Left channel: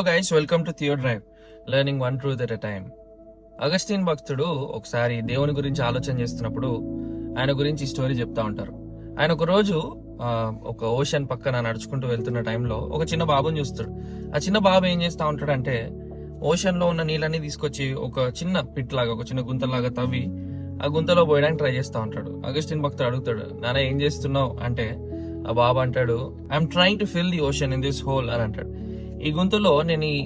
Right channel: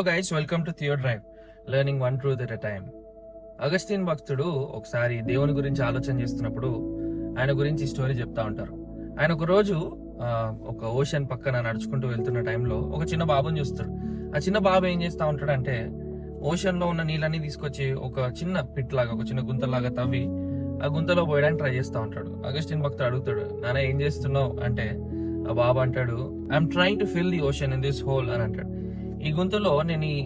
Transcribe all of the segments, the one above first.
Hello guys, welcome to Theo drive, learning one truth at a time. Augustine భక్తుడు ఒకసారి దేవుని గురించి ఆలోచన చేస్తున్నప్పుడు ఆయన గురించి స్టోరీ చెప్తా ఉంటారు. ఆయన ఒక రోజు ఒక ఓషన్ పక్కన నడుచుకుంటూ వెళ్తున్న టైంలో ఒక చిన్న బాబుని చూస్తాడు. ఆ చిన్న బాబు ఏం చేస్తా ఉంటాడంటే ఓషన్ లో ఉన్న నీళ్ళన్నీ తీసుకొచ్చి ఒక చిన్న పిట్ లాగా, ఒక చిన్న గుంతలాగా తవ్వి ఆ గుంతలో పోయడానికి ట్రై చేస్తూ ఉంటాడు. అగస్టిన్ భక్తుడు అడుగుతాడు, నాన్న ఏం చేస్తున్నావు అంటే ఆ బాబు అంటాడు, I'm trying to fill the ocean in this whole అని అంటాడు. ఈ గుంతలో నేను ఈ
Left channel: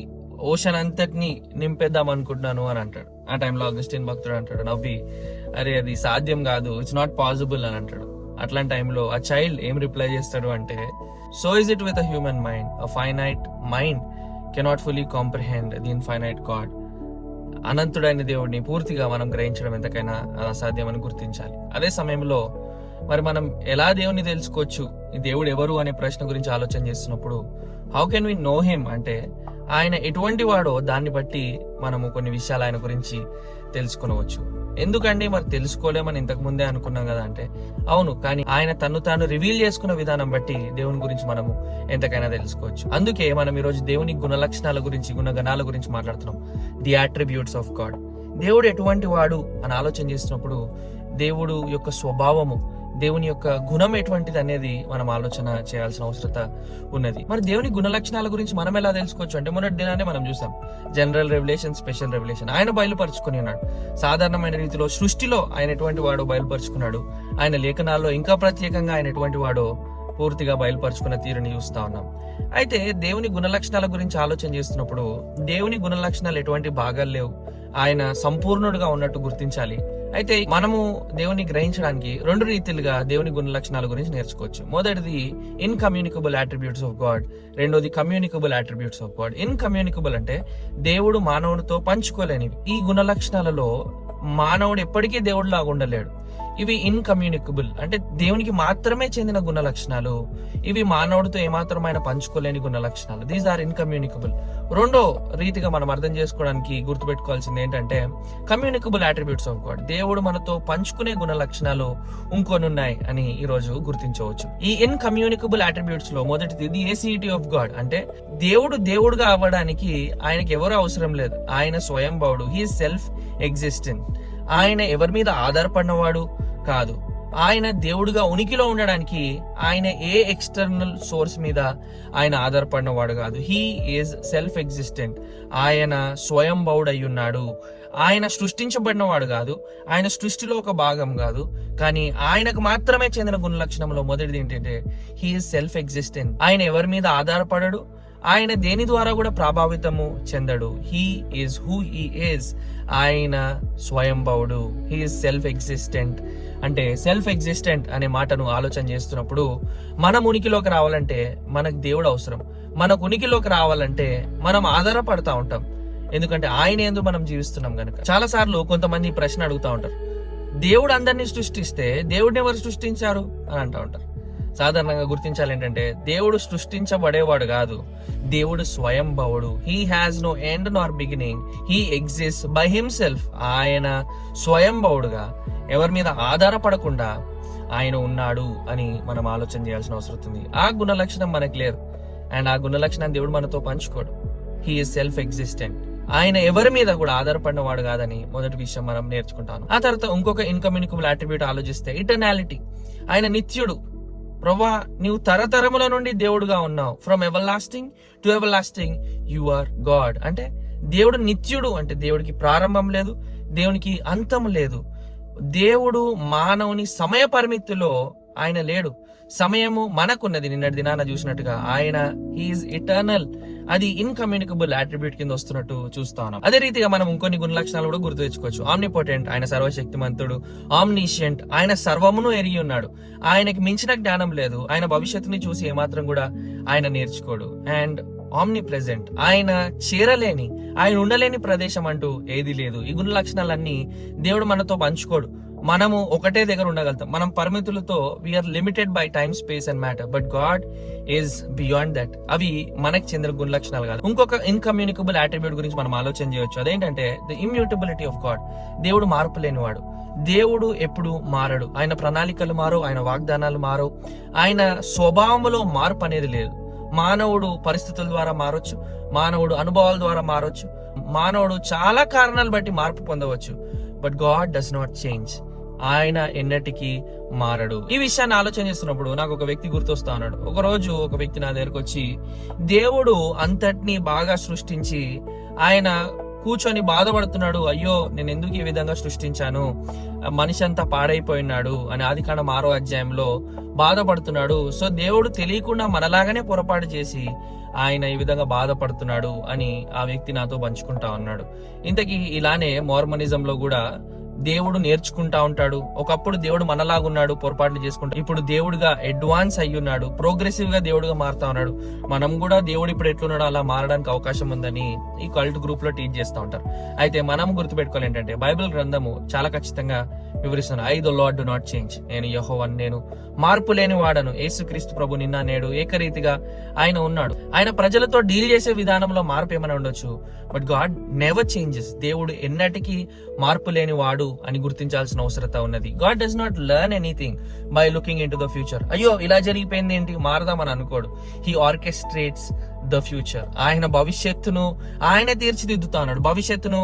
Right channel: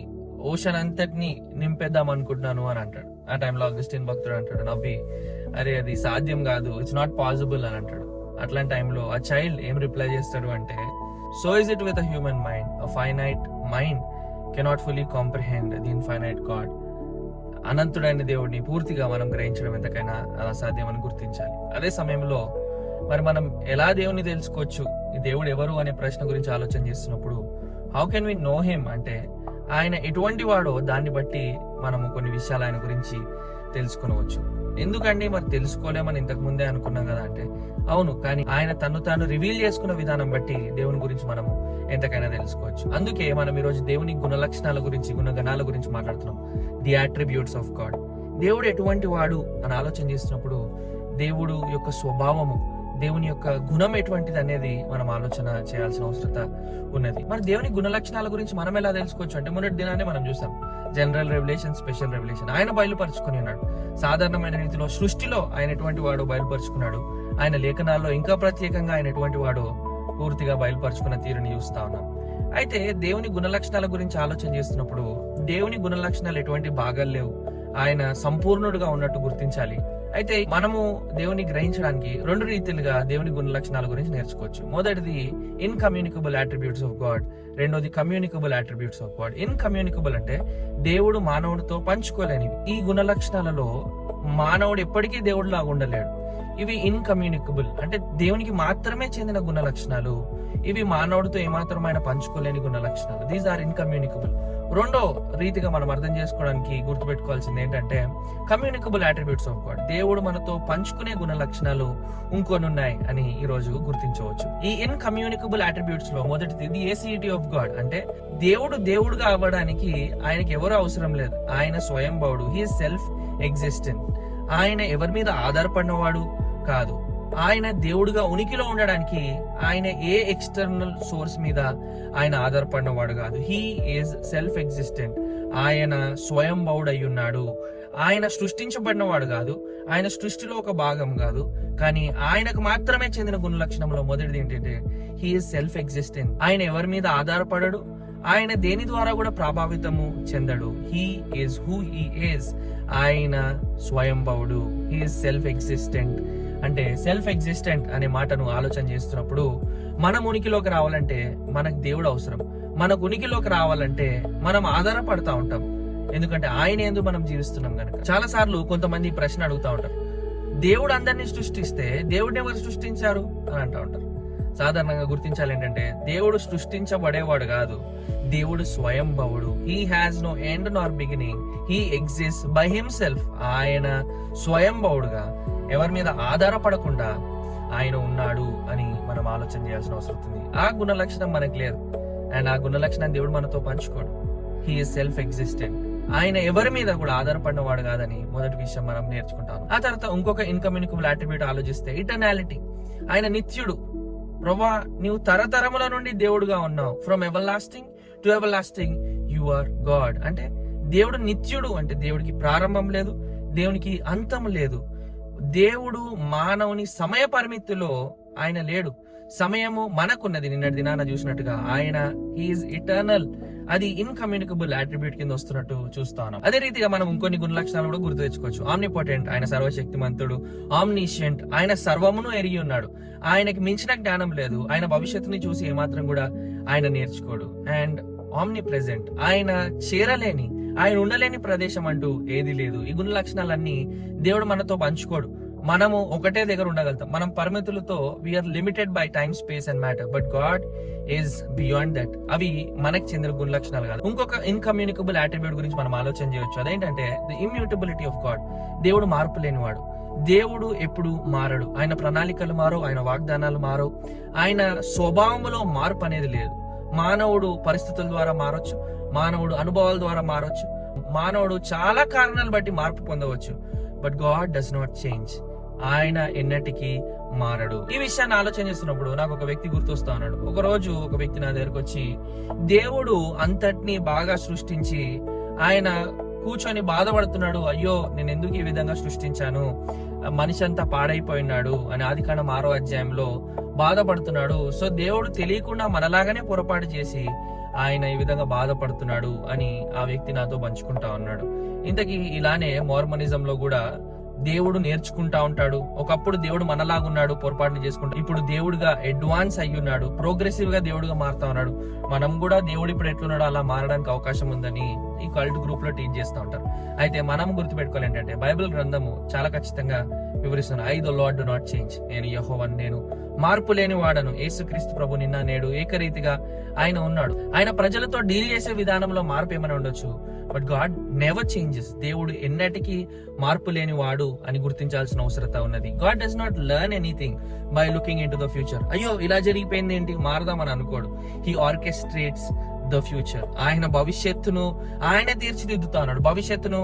ఓషన్ అంతటిని నింపేద్దాం అనుకుంటున్నాను అని అంటాడు. ఆ టైంలో అగస్టిన్ భక్తుడు అంటాడు నవ్వి, అరే అది సాధ్యం కాదు, ఇట్స్ నాట్ పాసిబుల్ అని అంటాడు. అట్లాంటి టైంలో ఆ చైల్డ్ ఏం రిప్లై చేస్తాడు అంటే, so is it with a human mind, a finite mind cannot fully comprehend the infinite God. అనంతుడైన దేవుడిని పూర్తిగా మనం గ్రహించడం ఎంతకైనా అది అసాధ్యం అని గుర్తించాలి. అదే సమయంలో మరి మనం ఎలా దేవుని తెలుసుకోవచ్చు, ఈ దేవుడు ఎవరు అనే ప్రశ్న గురించి ఆలోచన చేస్తున్నప్పుడు how can we know him అంటే ఆయన ఎటువంటి వాడో దాన్ని బట్టి మనము కొన్ని విషయాలు ఆయన గురించి తెలుసుకొనవచ్చు. ఎందుకండి మరి తెలుసుకోలేమని ఇంతకు ముందే అనుకున్నాం కదా అంటే అవును, కానీ ఆయన తను తాను రివీల్ చేసుకున్న విధానం బట్టి దేవుని గురించి మనము ఎంతకైనా తెలుసుకోవచ్చు. అందుకే మనం ఈరోజు దేవుని గుణలక్షణాల గురించి, గుణగణాల గురించి మాట్లాడుతున్నాం. The attributes of God. దేవుడు ఎటువంటి వాడు అని ఆలోచన చేస్తున్నప్పుడు దేవుడు యొక్క స్వభావము, దేవుని యొక్క గుణం ఎటువంటిది అనేది మనం ఆలోచన చేయాల్సిన అవసరత ఉన్నది. మరి దేవుని గుణ లక్షణాల గురించి మనం ఎలా తెలుసుకోవచ్చు అంటే మొన్నటి దినాన్ని మనం చూసాం, జనరల్ రెవల్యూషన్, స్పెషల్ రెవల్యూషన్. ఆయన బయలుపరుచుకుని ఉన్నాడు. సాధారణమైన రీతిలో సృష్టిలో ఆయన ఎటువంటి వాడో బయలుపరుచుకున్నాడు. ఆయన లేఖనాల్లో ఇంకా ప్రత్యేకంగా ఆయన ఎటువంటి వాడో పూర్తిగా బయలుపరుచుకున్న తీరుని చూస్తా ఉన్నాం. అయితే దేవుని గుణ లక్షణాల గురించి ఆలోచన చేస్తున్నప్పుడు దేవుని గుణ లక్షణాలు ఎటువంటి భాగాలు లేవు, ఆయన సంపూర్ణుడుగా ఉన్నట్టు గుర్తించాలి. అయితే మనము దేవుని గ్రహించడానికి రెండు రీతిలుగా దేవుని గుణ లక్షణాల గురించి నేర్చుకోవచ్చు. మొదటిది ఇన్కమ్యూనికబుల్ అట్రిబ్యూట్స్ ఆఫ్ గాడ్, రెండోది కమ్యూనికబుల్ అట్రిబ్యూట్స్ ఆఫ్ గాడ్. ఇన్కమ్యూనికబుల్ అంటే దేవుడు మానవుడితో పంచుకోలేనివి. ఈ గుణ లక్షణాలలో మానవుడు ఎప్పటికీ దేవుడు లాగా ఉండలేడు. ఇవి ఇన్కమ్యూనికబుల్ అంటే దేవునికి మాత్రమే చెందిన గుణ లక్షణాలు. ఇవి మానవుడితో ఏమాత్రమైన పంచుకోలేని గుణ లక్షణాలు. These are incommunicable. రెండో రీతిగా మనం అర్థం చేసుకోవడానికి గుర్తుపెట్టుకోవాల్సింది ఏంటంటే కమ్యూనికబుల్ అట్రిబ్యూట్స్ ఆఫ్ గాడ్. దేవుడు మనతో పంచుకునే గుణ లక్షణాలు ఇంకొని ఉన్నాయి అని ఈ రోజు గుర్తించవచ్చు. ఈ ఇన్కమ్యూనికబుల్ అట్రిబ్యూట్స్ లో మొదటిది ది ఏసిటీ ఆఫ్ గాడ్. అంటే దేవుడు దేవుడుగా అవ్వడానికి ఆయనకి ఎవరు అవసరం లేదు. ఆయన స్వయంభవుడు, హీ సెల్ఫ్ ఎగ్జిస్టెంట్. ఆయన ఎవరి మీద ఆధారపడినవాడు కాదు. ఆయన దేవుడుగా ఉనికిలో ఉండడానికి ఆయన ఏ ఎక్స్టర్నల్ సోర్స్ మీద ఆయన ఆధారపడినవాడు కాదు. He is self existent. ఆయన స్వయంభవుడు అయి ఉన్నాడు. ఆయన సృష్టించబడినవాడు కాదు, ఆయన సృష్టిలో ఒక భాగం కాదు. కానీ ఆయనకు మాత్రమే చెందిన గుణ లక్షణంలో మొదటిది ఏంటంటే హీ ఈజ్ సెల్ఫ్ ఎగ్జిస్టెంట్. ఆయన ఎవరి మీద ఆధారపడడు, ఆయన దేని ద్వారా కూడా ప్రభావితము చెందడు. He is who he is. ఆయన స్వయంభవుడు, హీ ఈజ్ సెల్ఫ్ ఎగ్జిస్టెంట్. అంటే సెల్ఫ్ ఎగ్జిస్టెంట్ అనే మాటను ఆలోచన చేస్తున్నప్పుడు మనం ఉనికిలోకి రావాలంటే మనకు దేవుడు అవసరం. మనకు ఉనికిలోకి రావాలంటే మనం ఆధారపడతా ఉంటాం, ఎందుకంటే ఆయన యందు మనం జీవిస్తున్నాం కనుక. చాలా సార్లు కొంతమంది ఈ ప్రశ్న అడుగుతా ఉంటారు, దేవుడు అందరినీ సృష్టిస్తే దేవుడిని ఎవరు సృష్టించారు అని అంటా ఉంటారు. సాధారణంగా గుర్తించాలి ఏంటంటే దేవుడు సృష్టించబడేవాడు కాదు, దేవుడు స్వయంభవుడు. He has no end Nar beginning, he exist by himself. ఆయన స్వయంభవుడుగా ఎవరి మీద ఆధారపడకుండా ఆయన ఉన్నాడు అని మనం ఆలోచన చేయాల్సిన అవసరం ఉంది. ఆ గుణ లక్షణం మనకు లేదు, అండ్ ఆ గుణ లక్షణం దేవుడు మనతో పంచుకోడు. He is self existent. ఆయన ఎవరి మీద కూడా ఆధారపడిన వాడు కాదని మొదటి విషయం మనం నేర్చుకుంటాను. ఆ తర్వాత ఇంకొక ఇన్కమ్యూనికబుల్ అట్రిబ్యూట్ ఆలోచిస్తే ఇటర్నాలిటీ. ఆయన నిత్యుడు. ప్రభా, నీవు తరతరముల నుండి దేవుడుగా ఉన్నావు. From everlasting to everlasting you are God. అంటే దేవుడు నిత్యుడు, అంటే దేవుడికి ప్రారంభం లేదు, దేవునికి అంతం లేదు. దేవుడు మానవుని సమయ పరిమితిలో ఆయన లేడు. సమయము మనకున్నది. నిన్నటి దినాన చూసినట్టుగా ఆయన హీఈస్ ఇటర్నల్. అది ఇన్కమ్యూనికబుల్ అట్రిబ్యూట్ కింద వస్తున్నట్టు చూస్తా ఉన్నాం. అదే రీతిగా మనం ఇంకొన్ని గుణ లక్షణాలు కూడా గుర్తు తెచ్చుకోవచ్చు. ఆమ్నిపోటెంట్, ఆయన సర్వశక్తిమంతుడు. ఆమ్నిషియంట్, ఆయన సర్వమును ఎరిగి ఉన్నాడు. ఆయనకి మించిన జ్ఞానం లేదు. ఆయన భవిష్యత్తుని చూసి ఏమాత్రం కూడా ఆయన నేర్చుకోడు. అండ్ ఆమ్ని ప్రెజెంట్, ఆయన చేరలేని, ఆయన ఉండలేని ప్రదేశం అంటూ ఏది లేదు. ఈ గుణ లక్షణాలన్నీ దేవుడు మనతో పంచుకోడు. మనము ఒకటే దగ్గర ఉండగలుగుతాం. మనం పరిమితులతో we are limited by time, space and matter. But God is beyond that. అవి మనకు చెందిన గుణ లక్షణాలు కాదు. ఇంకొక ఇన్కమ్యూనికబుల్ అట్రిబ్యూట్ గురించి మనం ఆలోచన చేయొచ్చు. అదేంటంటే ది ఇమ్యూటబిలిటీ ఆఫ్ గాడ్. దేవుడు మార్పు లేనివాడు. దేవుడు ఎప్పుడు మారడు. ఆయన ప్రణాళికలు మారవు, ఆయన వాగ్దానాలు మారవు, ఆయన స్వభావంలో మార్పు అనేది లేదు. మానవుడు పరిస్థితుల ద్వారా మారొచ్చు, మానవుడు అనుభవాల ద్వారా మారొచ్చు, మానవుడు చాలా కారణాలు బట్టి మార్పు పొందవచ్చు. But God does not change. ఆయన ఎన్నటికీ మారడు. ఈ విషయాన్ని ఆలోచన చేస్తున్నప్పుడు నాకు ఒక వ్యక్తి గుర్తొస్తా ఉన్నాడు. ఒక రోజు ఒక వ్యక్తి నా దగ్గరకు వచ్చి, దేవుడు అంతటినీ బాగా సృష్టించి ఆయన కూర్చొని బాధపడుతున్నాడు, అయ్యో నేను ఎందుకు ఈ విధంగా సృష్టించాను, మనిషి అంతా పాడైపోయినాడు అని ఆదికాండం 6వ అధ్యాయంలో బాధపడుతున్నాడు. సో దేవుడు తెలియకుండా మనలాగానే పొరపాటు చేసి ఆయన ఈ విధంగా బాధపడుతున్నాడు అని ఆ వ్యక్తి నాతో పంచుకుంటా ఉన్నాడు. ఇంతకీ ఇలానే మోర్మనిజంలో కూడా దేవుడు నేర్చుకుంటా ఉంటాడు. ఒకప్పుడు దేవుడు మనలాగున్నాడు, పొరపాట్లు చేసుకుంటా, ఇప్పుడు దేవుడుగా అడ్వాన్స్ అయ్యున్నాడు, ప్రోగ్రెసివ్ గా దేవుడుగా మారుతా ఉన్నాడు. మనం కూడా దేవుడు ఇప్పుడు ఎట్లున్నాడో అలా మారడానికి అవకాశం ఉందని ఈ కల్ట్ గ్రూప్ లో టీచ్ చేస్తూ ఉంటారు. అయితే మనం గుర్తుపెట్టుకోవాలి ఏంటంటే, బైబిల్ గ్రంథము చాలా ఖచ్చితంగా వివరిస్తున్నాను. I the lord do not change. నేను యెహోవాను, నేను మార్పు లేని వాడను. యేసుక్రీస్తు ప్రభు నిన్న నేడు ఏకరీతిగా ఆయన ఉన్నాడు. ఆయన ప్రజలతో డీల్ చేసే విధానంలో మార్పు ఏమైనా ఉండొచ్చు, బట్ గాడ్ నెవర్ చేంజెస్. దేవుడు ఎన్నటికీ మార్పు లేని వాడు అని గుర్తించాల్సిన అవసరత ఉన్నది. God does not learn anything by looking into the future. అయ్యో ఇలా జరిగిపోయింది ఏంటి, మారదామని అనుకోడు. He orchestrates the future. ఆయన భవిష్యత్తును ఆయనే తీర్చిదిద్దుతా ఉన్నాడు, భవిష్యత్తును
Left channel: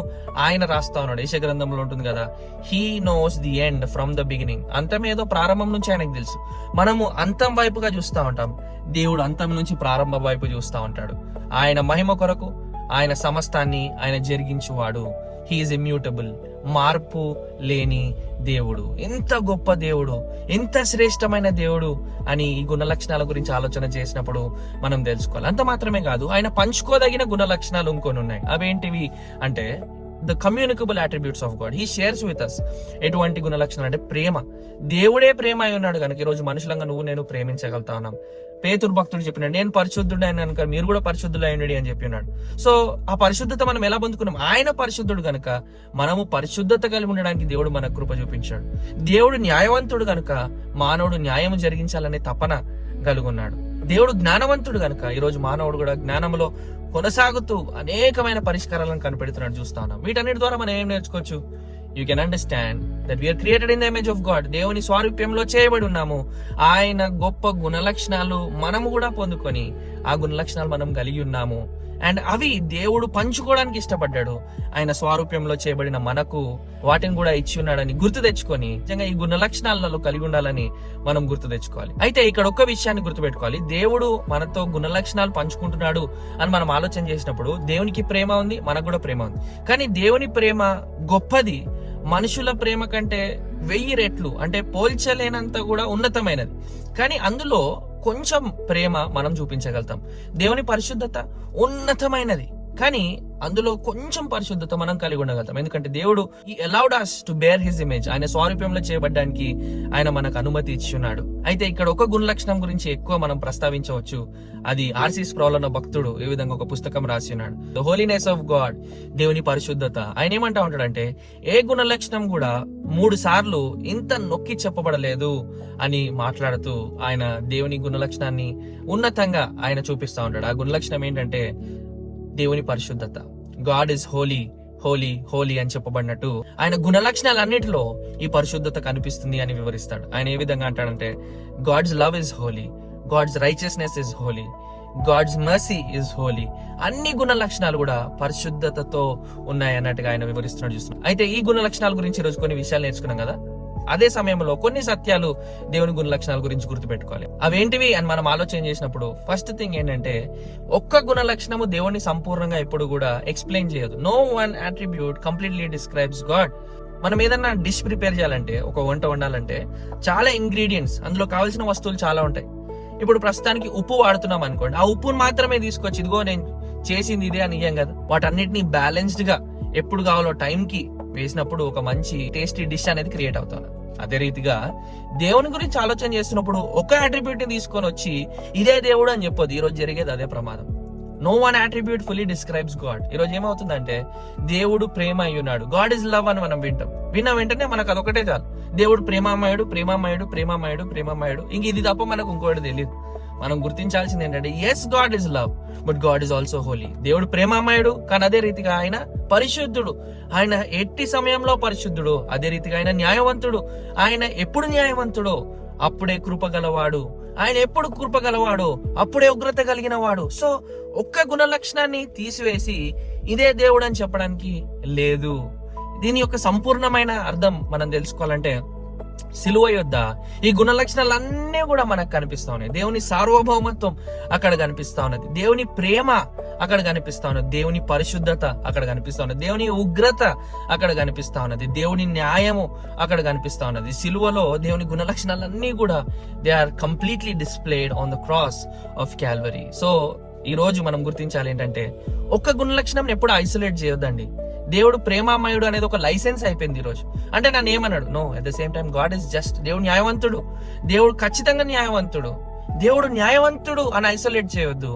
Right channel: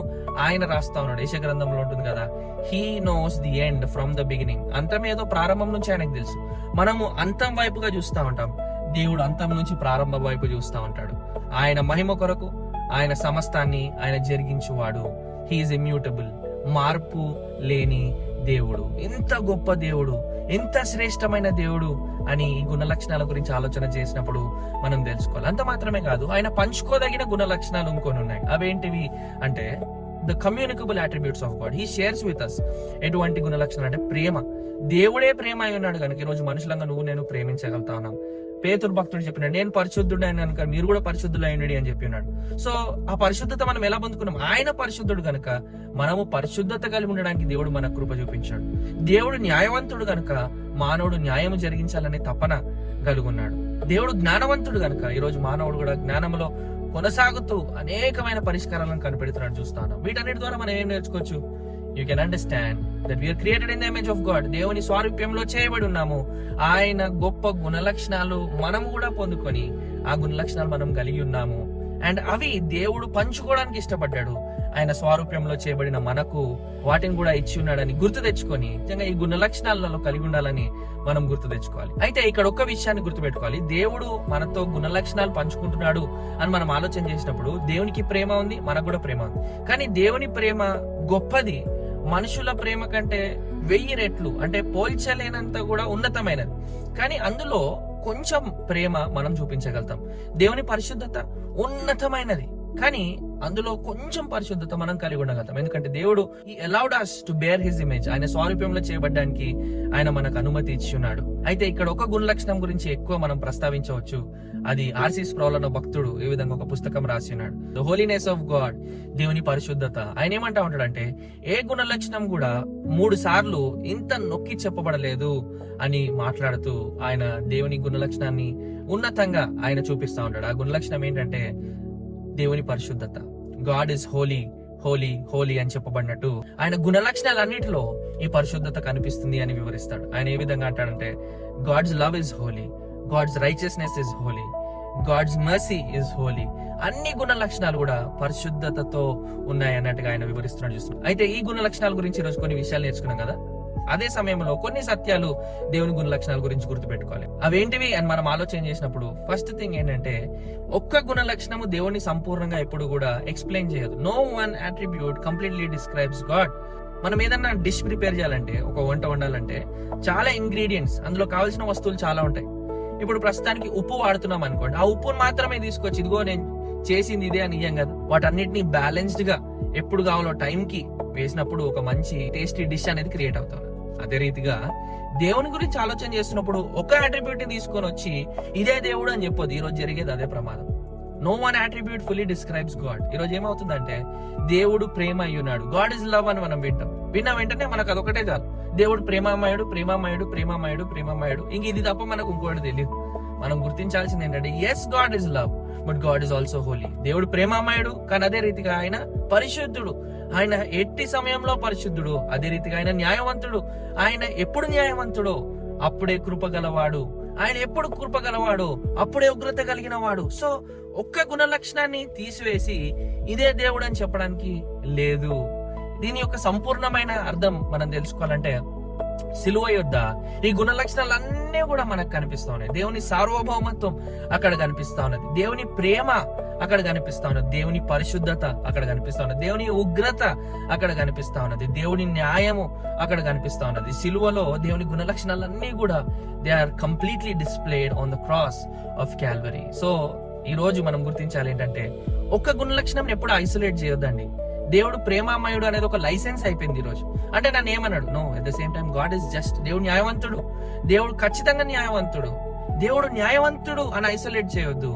ఆయన రాస్తా ఉన్నాడు. యెషయా గ్రంథంలో ఉంటుంది కదా, he knows the end from the beginning. అంతం ఏదో ప్రారంభం నుంచి ఆయనకు తెలుసు. మనము అంతం వైపుగా చూస్తూ ఉంటాం, దేవుడు అంతం నుంచి ప్రారంభం వైపు చూస్తూ ఉంటాడు. ఆయన మహిమ కొరకు ఆయన సమస్తాన్ని ఆయన జరిగించువాడు. హీఈస్ ఇమ్యూటబుల్, మార్పు లేని దేవుడు. ఎంత గొప్ప దేవుడు, ఎంత శ్రేష్టమైన దేవుడు అని ఈ గుణ లక్షణాల గురించి ఆలోచన చేసినప్పుడు మనం తెలుసుకోవాలి. అంత మాత్రమే కాదు, ఆయన పంచుకోదగిన గుణ లక్షణాలు ఇంకొని ఉన్నాయి. అవేంటివి అంటే the communicable attributes of God. He shares with us. ఎటువంటి గుణ లక్షణాలు అంటే ప్రేమ. దేవుడే ప్రేమ అయి ఉన్నాడు కనుక ఈరోజు మనుషులంగా నువ్వు నేను ప్రేమించగలుగుతా ఉన్నాం. పేతురు భక్తుడు చెప్పినాడు, నేను పరిశుద్ధుడు అని కనుక మీరు కూడా పరిశుద్ధులు అయ్యండి అని చెప్పినాడు. సో ఆ పరిశుద్ధత మనం ఎలా పొందుకున్నాం? ఆయన పరిశుద్ధుడు కనుక మనము పరిశుద్ధత కలిగి ఉండడానికి దేవుడు మన కృప చూపించాడు. దేవుడు న్యాయవంతుడు కనుక మానవుడు న్యాయము జరిగించాలనే తపన కలుగున్నాడు. దేవుడు జ్ఞానవంతుడు కనుక ఈరోజు మానవుడు కూడా జ్ఞానంలో కొనసాగుతూ అనేకమైన పరిష్కారాలను కనిపెడుతున్నాడు చూస్తాను. వీటన్నిటి ద్వారా మనం ఏం నేర్చుకోవచ్చు? You can understand that we are created in the image of God. దేవుని స్వారూప్యంలో చేయబడి ఉన్నాము. ఆయన గొప్ప గుణ లక్షణాలు మనము కూడా పొందుకొని ఆ గుణ లక్షణాలు మనం కలిగి ఉన్నాము. అండ్ అవి దేవుడు పంచుకోవడానికి ఇష్టపడ్డాడు. ఆయన స్వారూప్యంలో చేయబడిన మనకు వాటిని కూడా ఇచ్చి ఉన్నాడని గుర్తు తెచ్చుకొని నిజంగా ఈ గుణ లక్షణాలలో కలిగి ఉండాలని మనం గుర్తు తెచ్చుకోవాలి. అయితే ఇక్కడ ఒక్క విషయాన్ని గుర్తుపెట్టుకోవాలి, దేవుడు మనతో గుణ లక్షణాలు పంచుకుంటున్నాడు అని మనం ఆలోచన చేసినప్పుడు దేవునికి ప్రేమ ఉంది, మనకు కూడా ప్రేమ ఉంది. కానీ దేవుని ప్రేమ గొప్పది, మనుషుల ప్రేమ కంటే 1000 రెట్లు, అంటే పోల్చలేనంత కూడా ఉన్నతమైనది. కానీ అందులో కొంచెం ప్రేమ మనం చూపించగలుగుతాం. దేవుని పరిశుద్ధత ఉన్నతమైనది, కానీ అందులో కొంచెం పరిశుద్ధత మనం కలిగి ఉండగలుగుతాం. ఎందుకంటే దేవుడు ఈ allowed us to bear his image. ఆయన స్వారూప్యంలో చేయబడ్డానికి ఆయన మనకు అనుమతి ఇచ్చున్నాడు. అయితే ఇక్కడ ఒక గుణ లక్షణం గురించి ఎక్కువ మనం ప్రస్తావించవచ్చు. అది ఆర్సి స్ప్రౌల్ అన్న భక్తుడు ఈ విధంగా ఒక పుస్తకం రాసి ఉన్నాడు, ద హోలీనెస్ ఆఫ్ గాడ్, దేవుని పరిశుద్ధత. ఆయన ఏమంటా ఉంటాడంటే, ఏ గుణ లక్షణం కూడా 3 సార్లు ఇంత నొక్కి చెప్పబడలేదు అని మాట్లాడుతూ ఆయన దేవుని గుణ లక్షణాన్ని ఉన్నతంగా ఆయన చూపిస్తా ఉంటాడు. ఆ గుణ లక్షణం ఏంటంటే దేవుని పరిశుద్ధత. గాడ్ ఇస్ హోలీ, హోలీ, హోలీ అని చెప్పబడినట్టు ఆయన గుణ లక్షణాలన్నిటిలో ఈ పరిశుద్ధత కనిపిస్తుంది అని వివరిస్తాడు. ఆయన ఏ విధంగా అంటాడంటే, God's love is holy, God's righteousness is holy, God's mercy is holy. అన్ని గుణ లక్షణాలు కూడా పరిశుద్ధతతో ఉన్నాయి అన్నట్టుగా ఆయన వివరిస్తున్నాడు చూస్తున్నాం. అయితే ఈ గుణ లక్షణాల గురించి ఈరోజు కొన్ని విషయాలు నేర్చుకున్నాం కదా. అదే సమయంలో కొన్ని సత్యాలు దేవుని గుణ లక్షణాల గురించి గుర్తుపెట్టుకోవాలి. అవేంటివి అని మనం ఆలోచన చేసినప్పుడు ఫస్ట్ థింగ్ ఏంటంటే, ఒక్క గుణ లక్షణము దేవుని సంపూర్ణంగా ఎప్పుడు కూడా ఎక్స్ప్లెయిన్ చేయదు. No one attribute completely describes God. మనం ఏదన్నా డిష్ ప్రిపేర్ చేయాలంటే, ఒక వంట వండాలంటే చాలా ఇంగ్రీడియంట్స్, అందులో కావాల్సిన వస్తువులు చాలా ఉంటాయి. ఇప్పుడు ప్రస్తుతానికి ఉప్పు వాడుతున్నాం అనుకోండి, ఆ ఉప్పును మాత్రమే తీసుకొచ్చి ఇదిగో నేను చేసింది ఇదే అని ఇయ్యం కదా. వాటన్నిటిని బ్యాలెన్స్డ్ గా ఎప్పుడు కావాలో టైంకి వేసినప్పుడు ఒక మంచి టేస్టీ డిష్ అనేది క్రియేట్ అవుతాను. అదే రీతిగా దేవుని గురించి ఆలోచన చేస్తున్నప్పుడు ఒక అట్రిబ్యూట్ ని తీసుకొని వచ్చి ఇదే దేవుడు అని చెప్పొద్దు. ఈ రోజు జరిగేది అదే ప్రమాదం. No one attribute fully describes God. ఈ రోజు ఏమవుతుందంటే, దేవుడు ప్రేమ అయి ఉన్నాడు, గాడ్ ఇస్ లవ్ అని మనం విన్న వెంటనే మనకు అదొకటే చాలు. దేవుడు ప్రేమామయుడు, ప్రేమామయుడు, ప్రేమామయుడు, ప్రేమామయుడు, ఇంక ఇది తప్ప మనకు ఇంకోటి తెలియదు. మనం గుర్తించాల్సింది ఏంటంటే, yes God is love, but God is also holy. దేవుడు ప్రేమామయుడు, కానీ అదే రీతిగా ఆయన పరిశుద్ధుడు. ఆయన ఎట్టి సమయంలో పరిశుద్ధుడు, అదే రీతిగా ఆయన న్యాయవంతుడు. ఆయన ఎప్పుడు న్యాయవంతుడో అప్పుడే కృపగలవాడు. ఆయన ఎప్పుడు కృప గలవాడు, అప్పుడే ఉగ్రత కలిగిన వాడు. సో ఒక్క గుణ లక్షణాన్ని తీసివేసి ఇదే దేవుడు అని చెప్పడానికి లేదు. దీని యొక్క సంపూర్ణమైన అర్థం మనం తెలుసుకోవాలంటే సిలువ యొద్ద ఈ గుణ లక్షణాలన్నీ కూడా మనకు కనిపిస్తా ఉన్నాయి. దేవుని సార్వభౌమత్వం అక్కడ కనిపిస్తా ఉన్నది, దేవుని ప్రేమ అక్కడ కనిపిస్తా ఉన్నది, దేవుని పరిశుద్ధత అక్కడ కనిపిస్తా ఉన్నది, దేవుని ఉగ్రత అక్కడ కనిపిస్తా ఉన్నది, దేవుని న్యాయము అక్కడ కనిపిస్తా ఉన్నది. సిలువలో దేవుని గుణ లక్షణాలన్నీ కూడా they are completely displayed on the cross of Calvary. So ఈ రోజు మనం గుర్తించాలి ఏంటంటే ఒక్క గుణ లక్షణం ఎప్పుడు ఐసోలేట్ చేయొద్దండి. దేవుడు ప్రేమామయుడు అనేది ఒక లైసెన్స్ అయిపోయింది ఈ రోజు. అంటే నన్ను ఏమన్నాడు? No, at the same time God is just. దేవుడు న్యాయవంతుడు, దేవుడు ఖచ్చితంగా న్యాయవంతుడు. దేవుడు న్యాయవంతుడు అని ఐసోలేట్ చేయొద్దు.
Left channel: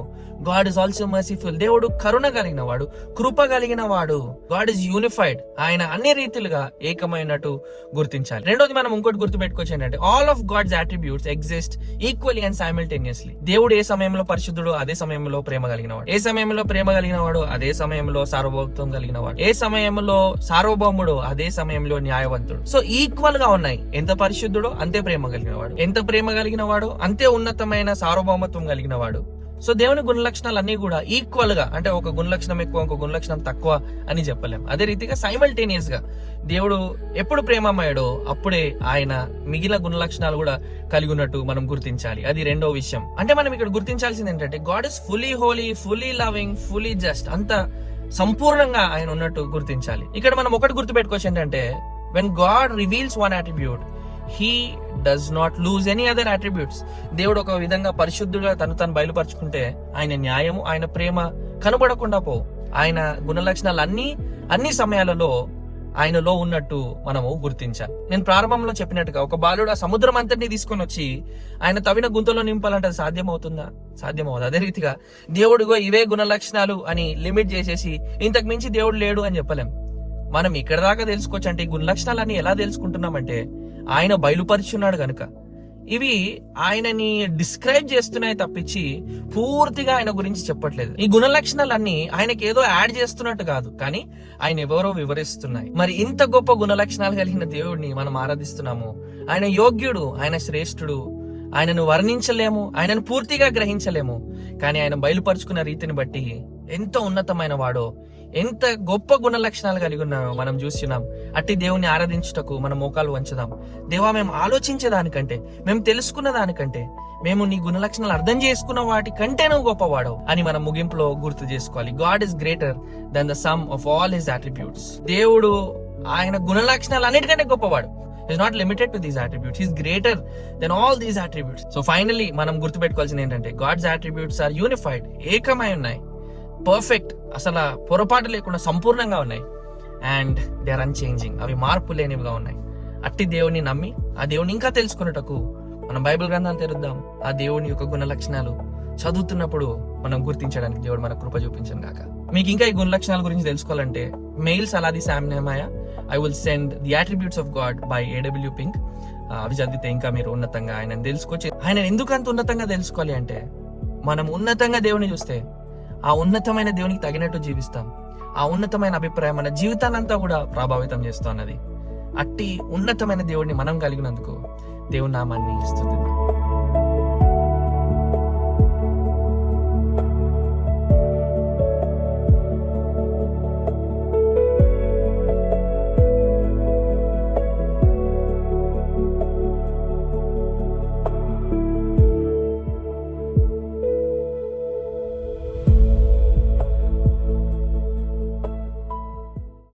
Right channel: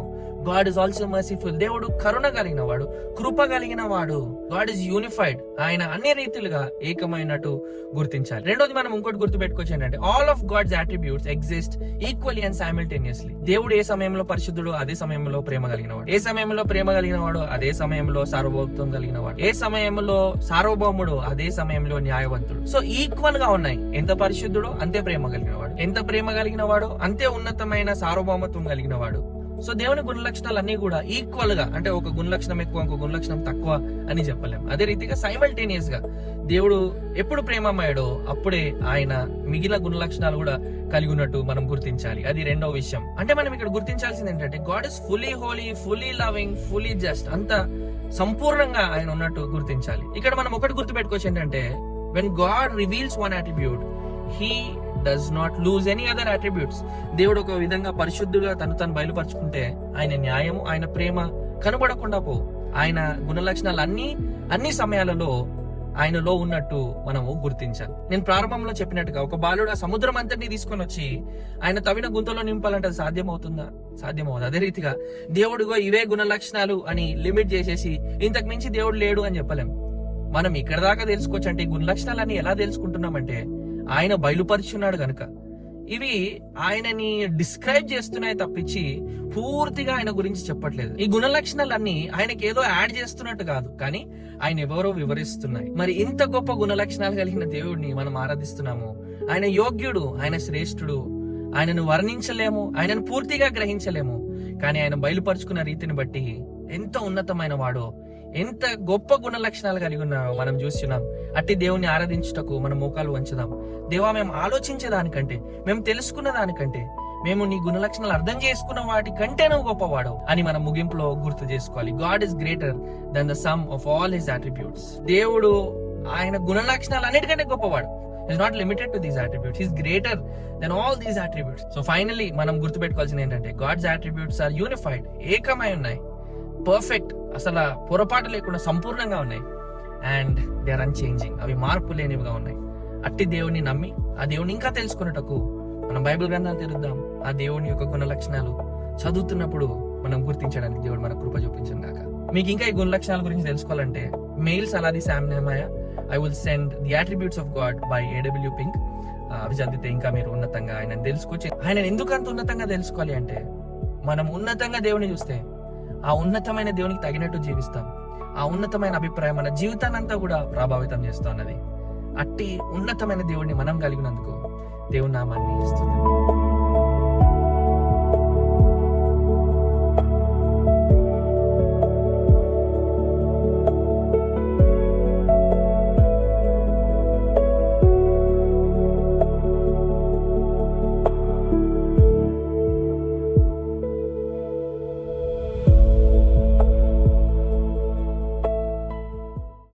God is also merciful. దేవుడు కరుణ కలిగిన వాడు, కృప కలిగిన వాడు. God is unified. ఆయన అన్ని రీతిలుగా ఏకమైనట్టు గుర్తించాలి. రెండోది మనం ఇంకోటి గుర్తుపెట్టుకోవచ్చు ఏంటంటే all of God's attributes exist equally and simultaneously. దేవుడు ఏ సమయంలో పరిశుద్ధుడు అదే సమయంలో ప్రేమ కలిగిన వాడు, ఏ సమయంలో ప్రేమ కలిగిన వాడు అదే సమయంలో సార్వభౌమత్వం కలిగిన వాడు, ఏ సమయంలో సార్వభౌముడు అదే సమయంలో న్యాయవంతుడు. సో ఈక్వల్ గా ఉన్నాయి. ఎంత పరిశుద్ధుడు అంతే ప్రేమ కలిగిన వాడు, ఎంత ప్రేమ కలిగిన వాడు అంతే ఉన్నతమైన సార్వభౌమత్వం కలిగిన వాడు. సో దేవుని గుణ లక్షణాలు అన్ని కూడా ఈక్వల్ గా, అంటే ఒక గుణ లక్షణం ఎక్కువ ఇంకో గుణ లక్షణం తక్కువ అని చెప్పలేం. అదే రీతిగా సైమల్టేనియస్ గా దేవుడు ఎప్పుడు ప్రేమమయ్యాడో అప్పుడే ఆయన మిగిలిన గుణ లక్షణాలు కూడా కలిగి ఉన్నట్టు మనం గుర్తించాలి. అది రెండో విషయం. అంటే మనం ఇక్కడ గుర్తించాల్సింది ఏంటంటే God is fully holy, fully loving, fully just. అంత సంపూర్ణంగా ఆయన ఉన్నట్టు గుర్తించాలి. ఇక్కడ మనం ఒకటి గుర్తుపెట్టుకోవచ్చు ఏంటంటే when God reveals one attribute, he does not lose any other attributes. దేవుడు ఒక విధంగా పరిశుద్ధుగా తను బయలుపరుచుకుంటే ఆయన న్యాయము, ఆయన ప్రేమ కనబడకుండా ఆయన గుణ లక్షణాలు అన్ని సమయాలలో ఆయనలో ఉన్నట్టు మనము గుర్తించాలి. నేను ప్రారంభంలో చెప్పినట్టుగా ఒక బాలుడు ఆ సముద్రం అంతటిని తీసుకొని వచ్చి ఆయన తవ్విన గుంతలో నింపాలంటే అది సాధ్యమవుతుందా? సాధ్యమవుతుంది. అదే రీతిగా దేవుడిగో ఇవే గుణ లక్షణాలు అని లిమిట్ చేసేసి ఇంతకు మించి దేవుడు లేడు అని చెప్పలేం. మనం ఇక్కడ దాకా తెలుసుకోవచ్చు. అంటే ఈ గుణ లక్షణాలన్నీ ఎలా తెలుసుకుంటున్నామంటే ఆయన బయలుపరుచున్నాడు గనుక. ఇవి ఆయనని డిస్క్రైబ్ చేస్తున్నాయి తప్పించి పూర్తిగా ఆయన గురించి చెప్పట్లేదు. ఈ గుణ లక్షణాలన్నీ ఆయనకి ఏదో యాడ్ చేస్తున్నట్టు కాదు, కానీ ఆయన ఎవరో వివరిస్తున్నాయి. మరి ఇంత గొప్ప గుణ లక్షణాలు కలిగిన దేవుడిని మనం ఆరాధిస్తున్నాము. ఆయన యోగ్యుడు, ఆయన శ్రేష్ఠుడు. ఆయనను వర్ణించలేము, ఆయనను పూర్తిగా గ్రహించలేము. కానీ ఆయన బయలుపరుచుకున్న రీతిని బట్టి ఎంత ఉన్నతమైన వాడో, ఎంత గొప్ప గుణ లక్షణాలు కలిగి ఉన్నాయో మనం చూస్తున్నాం. అట్టి దేవుని ఆరాధించుటకు మనం మోకాలు వంచుదాం. దేవా, మేము ఆలోచించే దానికంటే, మేము తెలుసుకున్న దానికంటే, మేము నీ గుణ లక్షణాలు అర్థం చేసుకున్న వాటి కంటే నువ్వు గొప్పవాడు అని మనం ముగింపులో గుర్తు చేసుకోవాలి. God is greater than the sum of all his attributes. దేవుడు ఆయన గుణ లక్షణాలు అన్నిటికంటే గొప్పవాడు. He's not limited to these attributes. He's greater than all these attributes. So finally మనం గుర్తుపెట్టుకోవాల్సింది ఏంటంటే God's attributes are unified. ఏకమై ఉన్నాయి, పర్ఫెక్ట్, అసలు పొరపాటు లేకుండా సంపూర్ణంగా ఉన్నాయి. And they are unchanging. అవి మార్పు లేనివిగా ఉన్నాయి. అట్టి దేవుని నమ్మి ఆ దేవుని ఇంకా తెలుసుకున్నటకు మనం బైబిల్ గ్రంథాలు తెరుద్దాం. ఆ దేవుని యొక్క గుణ లక్షణాలు చదువుతున్నప్పుడు మనం గుర్తించడానికి దేవుడు మన కృప చూపించను గాక. మీకు ఇంకా ఈ గుణ లక్షణాల గురించి తెలుసుకోవాలంటే mail Saladi Sam నెహమయా, I will send the attributes of God by A.W. Pink. అవి చదివితే ఇంకా మీరు ఉన్నతంగా ఆయన తెలుసుకోవచ్చు. ఆయన ఎందుకు అంత ఉన్నతంగా తెలుసుకోవాలి అంటే మనం ఉన్నతంగా దేవుని చూస్తే ఆ ఉన్నతమైన దేవునికి తగినట్టు జీవిస్తాం. ఆ ఉన్నతమైన అభిప్రాయం మన జీవితానంతా కూడా ప్రభావితం చేస్తున్నది. అట్టి ఉన్నతమైన దేవుడిని మనం కలిగినందుకు దేవుని నామాన్ని స్తుతిద్దాం.